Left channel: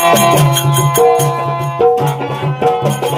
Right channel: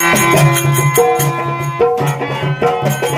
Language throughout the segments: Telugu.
Thank you.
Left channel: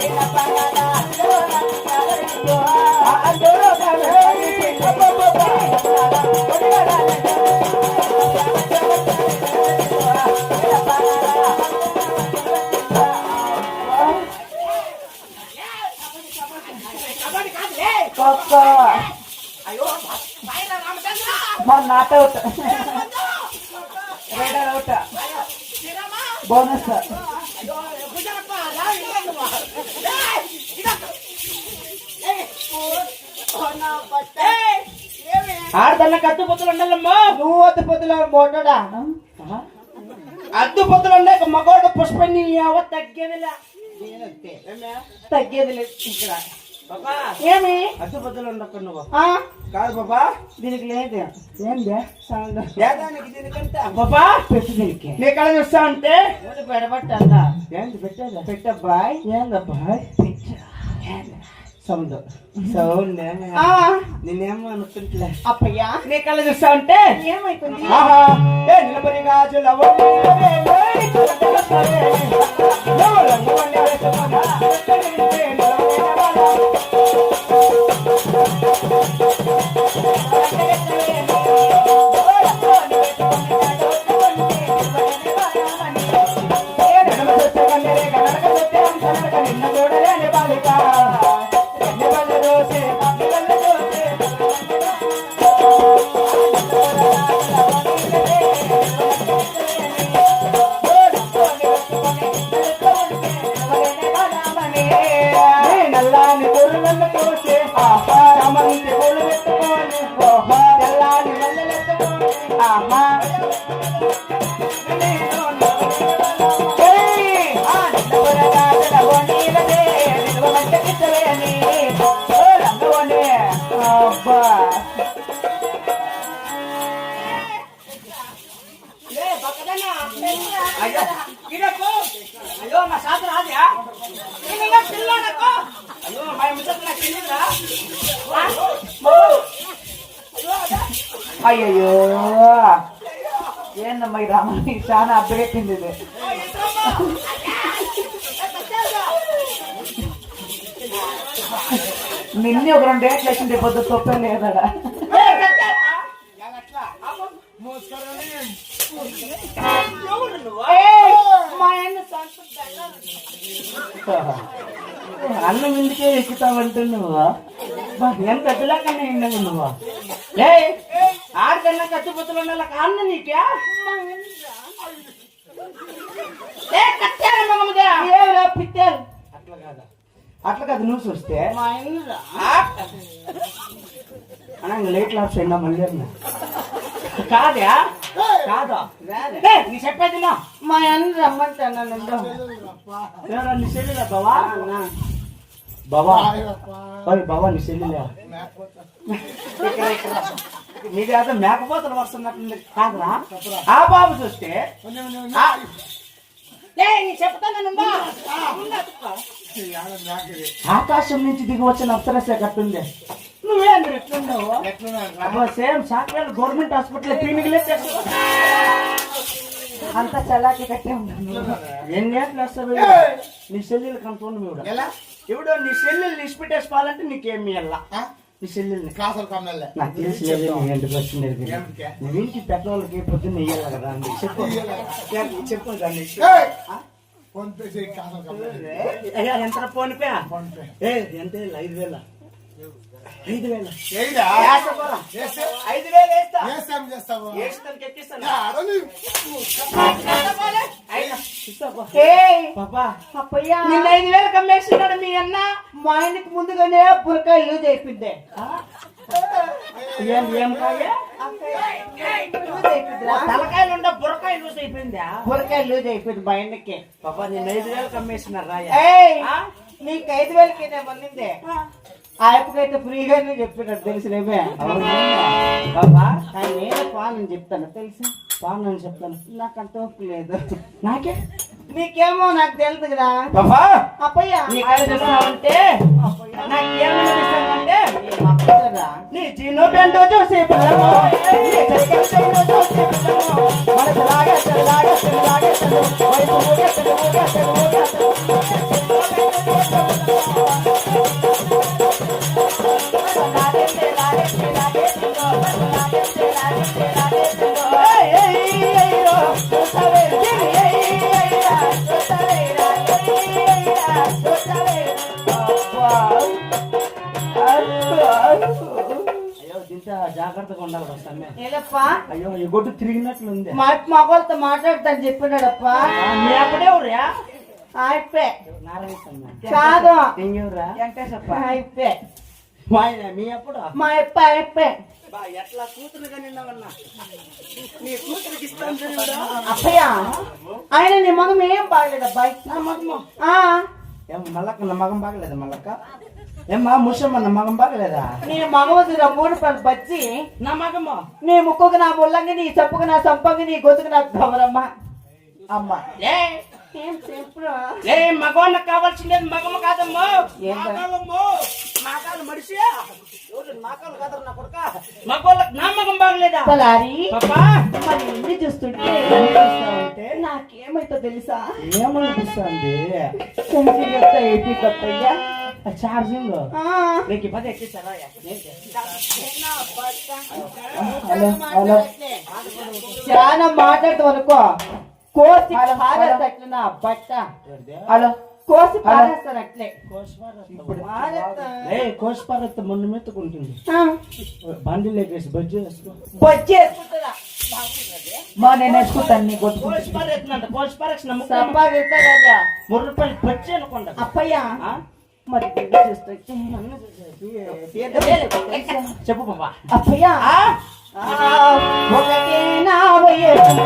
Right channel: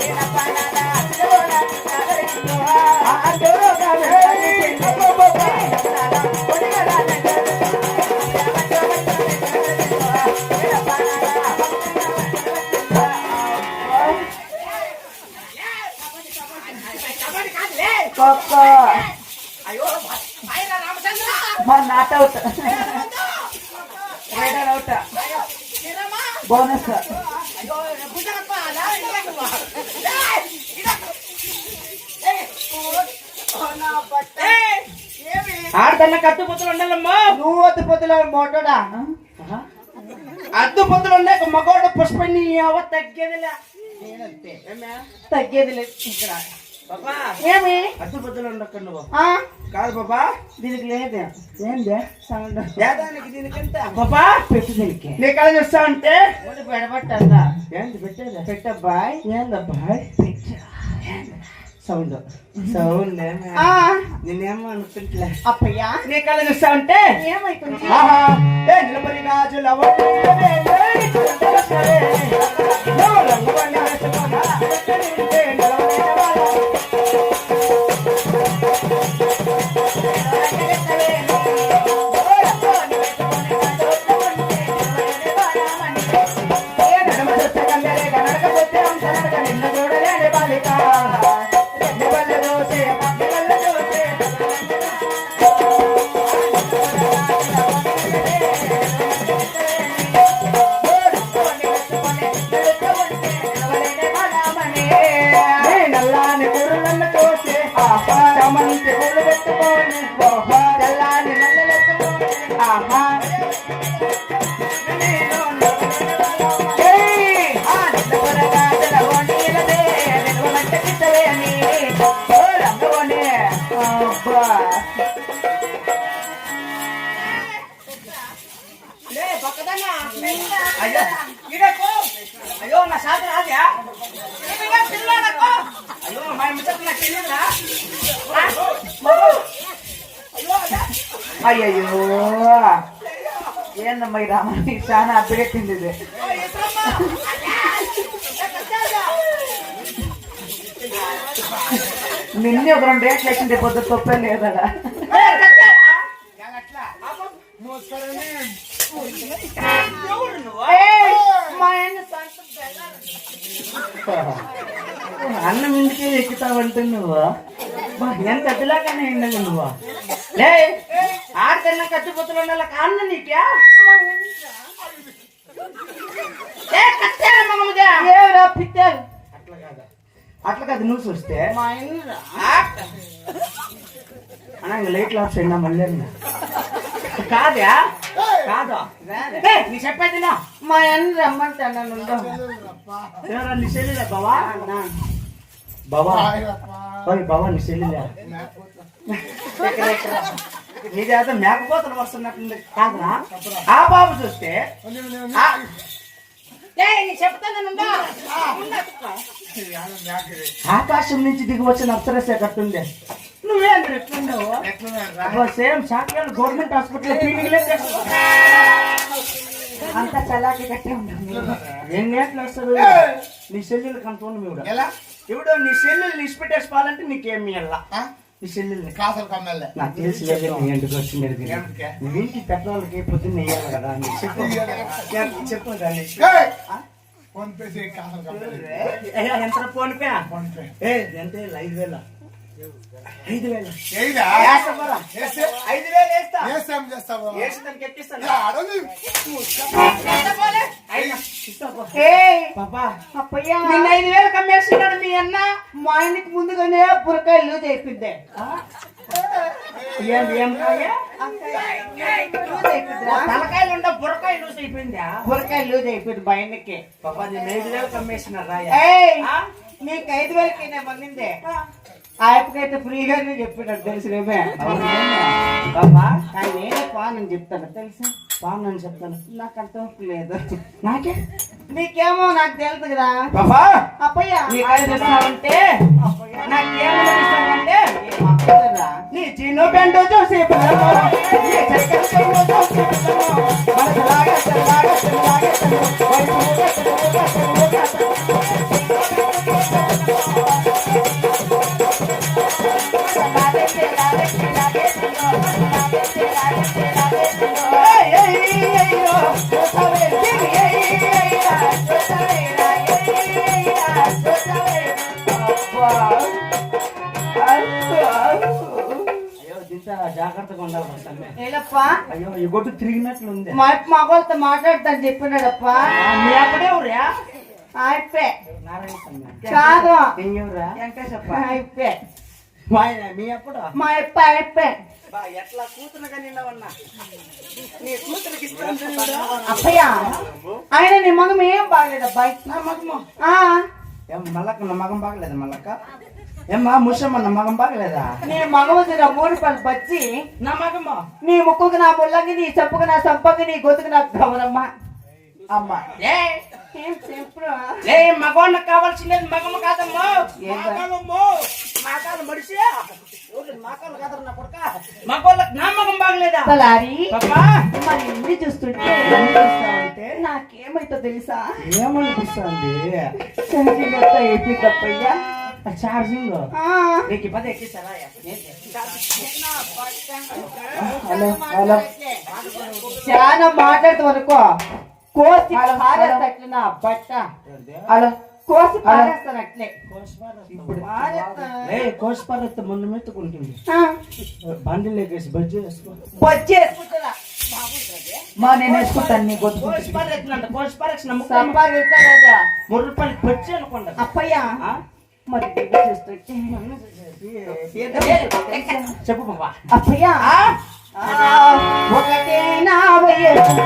చిన్నదో అవుట్ రైడర్ అవుట్ బోనస్ ఆడదన్న కత్తు పొత్తులు ఉండాలమ్మా. నువ్వు వద్దు పొద్దుల మోటోడా అద్దు పొత్తులు ఉండే మగోడు పుష్పని తగ్గేదిలా. తగ్గేది లేదు ఇక్కడ. ఏమి? నువ్వు? కాదు బాబా. దీనికి లేదు. ఏందే? బాబా! పెట్టు దీనికి. చూస్తా అంటే? ఊరికి పెడబట్టందా ఏంది పెట్టేది? పెట్టబ్బాయ్ ఏందబ్బాయ్ సౌండ్. సౌండ్ నేనేమో అనుకుంటులే అప్పయ్యా? నీ కళ చూస్తా అంటే? ఏమైతుంది? నిలబడి రాజుల నిన్ను ಗಿಡಕ್ಕೂ ಅಯ್ಯೋ ನಾ ಸಾಧ್ಯ ಆದ್ಯಾ ತಿನ್ನೋದಕ್ಕೂ ಅಯ್ಯೋ ಮನೆ ಮಿಸಕ್ ನಾ ತಿನ್ನಿಲ್ಲ ಅಯ್ಯಯ್ಯೋ ಏನ್ ನಮ್ಮ ರಾಮ ಶಾನ ಅದ್ದೇ ತಿಂದಿದೆ ನಿನ್ನೆ ಒಬ್ಬರೊಂದು ಡೇಟ್ ಲೇಟ್ ಇದೆ ಬದ್ದು ತೊಪ್ಪಲ್ಲಿ ಇರೋದ తిరుగుతావంటే నువ్వు? బా, నేను కత్తిలాగానే ఉన్నాను నువ్వు? లే ఆడికన్నా కత్తిపోతులు ఉండాలి కాన్న నీకే? పిట్టలు అట్లా కాదు. అట్లా కాదు నువ్వు చూస్తే. అన్న ఇంక లైట్ ఆఫ్ చేయండి మళ్ళీ అన్న. కాదా? కాదా? నీ చెప్పేది నా మా అన్న రమ్మంటే నన్ను ఎవరా నీ చెల్లెలే బావా? బావా? నీ చెల్లెలే నీది అయితే మేకపోతలు వస్తున్నట్టుంది కాదురా? ఆ బాబు చూస్తే. ఆకాశం నుంచి దిగి వచ్చిన అప్సరసే కట్టుంది. సేమ్ గవర్నమెంట్ హాస్పిటల్ అంత చల్లాకి కట్టే ఎన్ని గంటలు వస్తారు నీ సెల్లులు కంట్రోల్ ఇవిడ ఇవిడు నీ సెల్లులు ఇష్టపెట్టేసుకోవాలంటే నీకేమి వెళ్ళా ఆ? నీ సెల్లుల్ని. క్లాసులు కమ్మెల్లే నాకు తెలిసి లేదు నీ ఇంటికి వచ్చిండేది ఏమిటికే? నీ ఇంటి పెట్రోల్కి పొద్దున్న ఇయ్యాలి కదా అని చెప్పు. చెప్పు, దాన్ని. ఏయ్! ఫోన్ పే చేయి క్లాసులు కమ్మెల్లే అయ్యా ఎంత ఫోన్ పే? PhonePe. ఏ ఎంత? ఐదు వేల? ఐదు వేల ఐదు వేస్తా? ఏ. చేస్తావు ఎక్కిస్తాను నిన్న ఐదు వేలు కమ్మేస్తున్నాడు మీ అన్న. మా ఆయనకి ముందుగానే బురకాయలు అయిపోయిందిరా. తలకాయలు ఉండ బుర్రకాయ లూజ్ అయిపోయిందా బురకాయ లూజ్ అయిపోయింది మా ఆయనకి. పాపా నేను ఐదు వేలు కమ్మేసినారా ఏయ్ ఆ? నీకు ఐదు వేలకి నేను మందింది ఆ అప్పకైతే ఫ్రీగానే చెప్పాడు తెలిసినేమే పాపా కానీ పాన్ అని చెప్తాను తెలుసా పాము నేను చెప్తాను నాకు అర్థం లేదు నాకే నీకేమో నాకు తెలుసు కదా పాపా అప్పయ్య నీ కాయలు ఇస్తానంటే నాకు ఏమని ఇస్తానంటే అప్పయ్యరా. నీ చిన్న బెండో చూసి పిల్లలు, నీ చక్కెర జాగ్రత్తగా ఉండాలి సమ్మె ఏలప్పా? అయ్యో ఈ గొడ్డు తిరిగినట్లుంది. మా మగవాళ్ళతో మాట్లాడతాను చెప్పినాడప్పా. మీ కాదు వెంకటేశప్ప. అప్పుడు? అప్ప అయిపే బా ఎట్లా కూతురుగా నిన్నవన్నా నీ కూతురికి ఇస్తాను చూడురా. అప్పయ్య ఆయన నీ మగం ఏం బాగలేదు అబ్బాయి నా మగము? మల్లక్క నా మగం బాగలేదా మల్లక్క ఏమ్మా ముసమ్మ నా మగం బాగలేదా? నీ మగవదిన మూడు పళ్ళు బచ్చి నా మగము? నీ ముక్కుకు నా ముళ్ళంగి నీ చెప్పుకు నా సంపంగి నీ గొంతుకు నా గౌరమ్మ అమ్మ. ఏ మగవాళ్ళకి కావాల్సింది మగమ్మ కాదమ్మా. మాకాలు ఎవరు మాకాలు కాదు నా కొడుక? మగవాళ్ళకి నా మగం బాగలేదా? మరి ఇన్ని చూస్తుంటే నాకేమైతో తెలుసా? ఏమనిపిస్తుంది? ఛార్జింగ్ ఎంత అయిపోయిందప్పయ్యా ఛార్జింగ్ నీకు పది ఎక్కిస్తారా హలో హలో చాలా మాట్లాడుతూ వరకు కోసి పారేస్తట్లే నా బట్ట హలో కోసి పారేస్తారు అట్లే ఇప్పుడు పారేస్తా. మొన్న మెత్తుకుంటుంది బండి లేకేసి బజ్జీ వేసుకో బొచ్చి వేసుకుంటుందా మా నేను వేసుకుంటాను బజ్జీ అప్పయ్య. చెప్పు బాబా అప్పయ్యా ఒకటే నా వయసు